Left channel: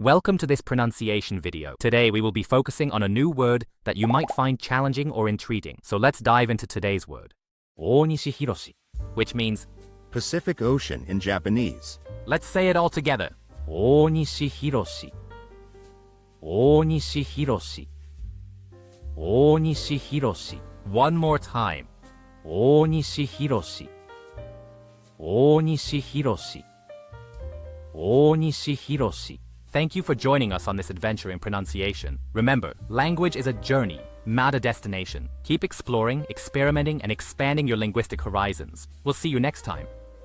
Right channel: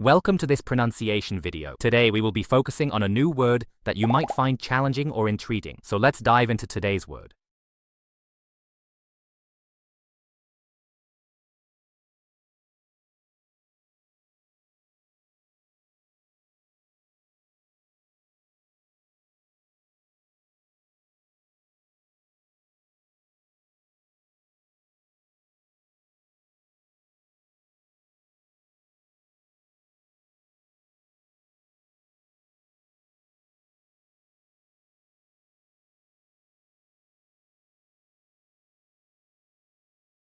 Welcome to this pronunciation video. Today we will be focusing on a new word that you might find challenging or intriguing. So let's dive into today's word. 大西博士, which means Pacific Ocean in Japanese. let's say it all together. 大西博士. 大西博士. 大西博士. One more time. 大西博士. 大西博士. 大西博士. Thank you for joining us on this adventure in pronunciation. Remember, language is a journey, not a destination. Keep exploring, experimenting, and expanding your linguistic horizons. We'll see you next time.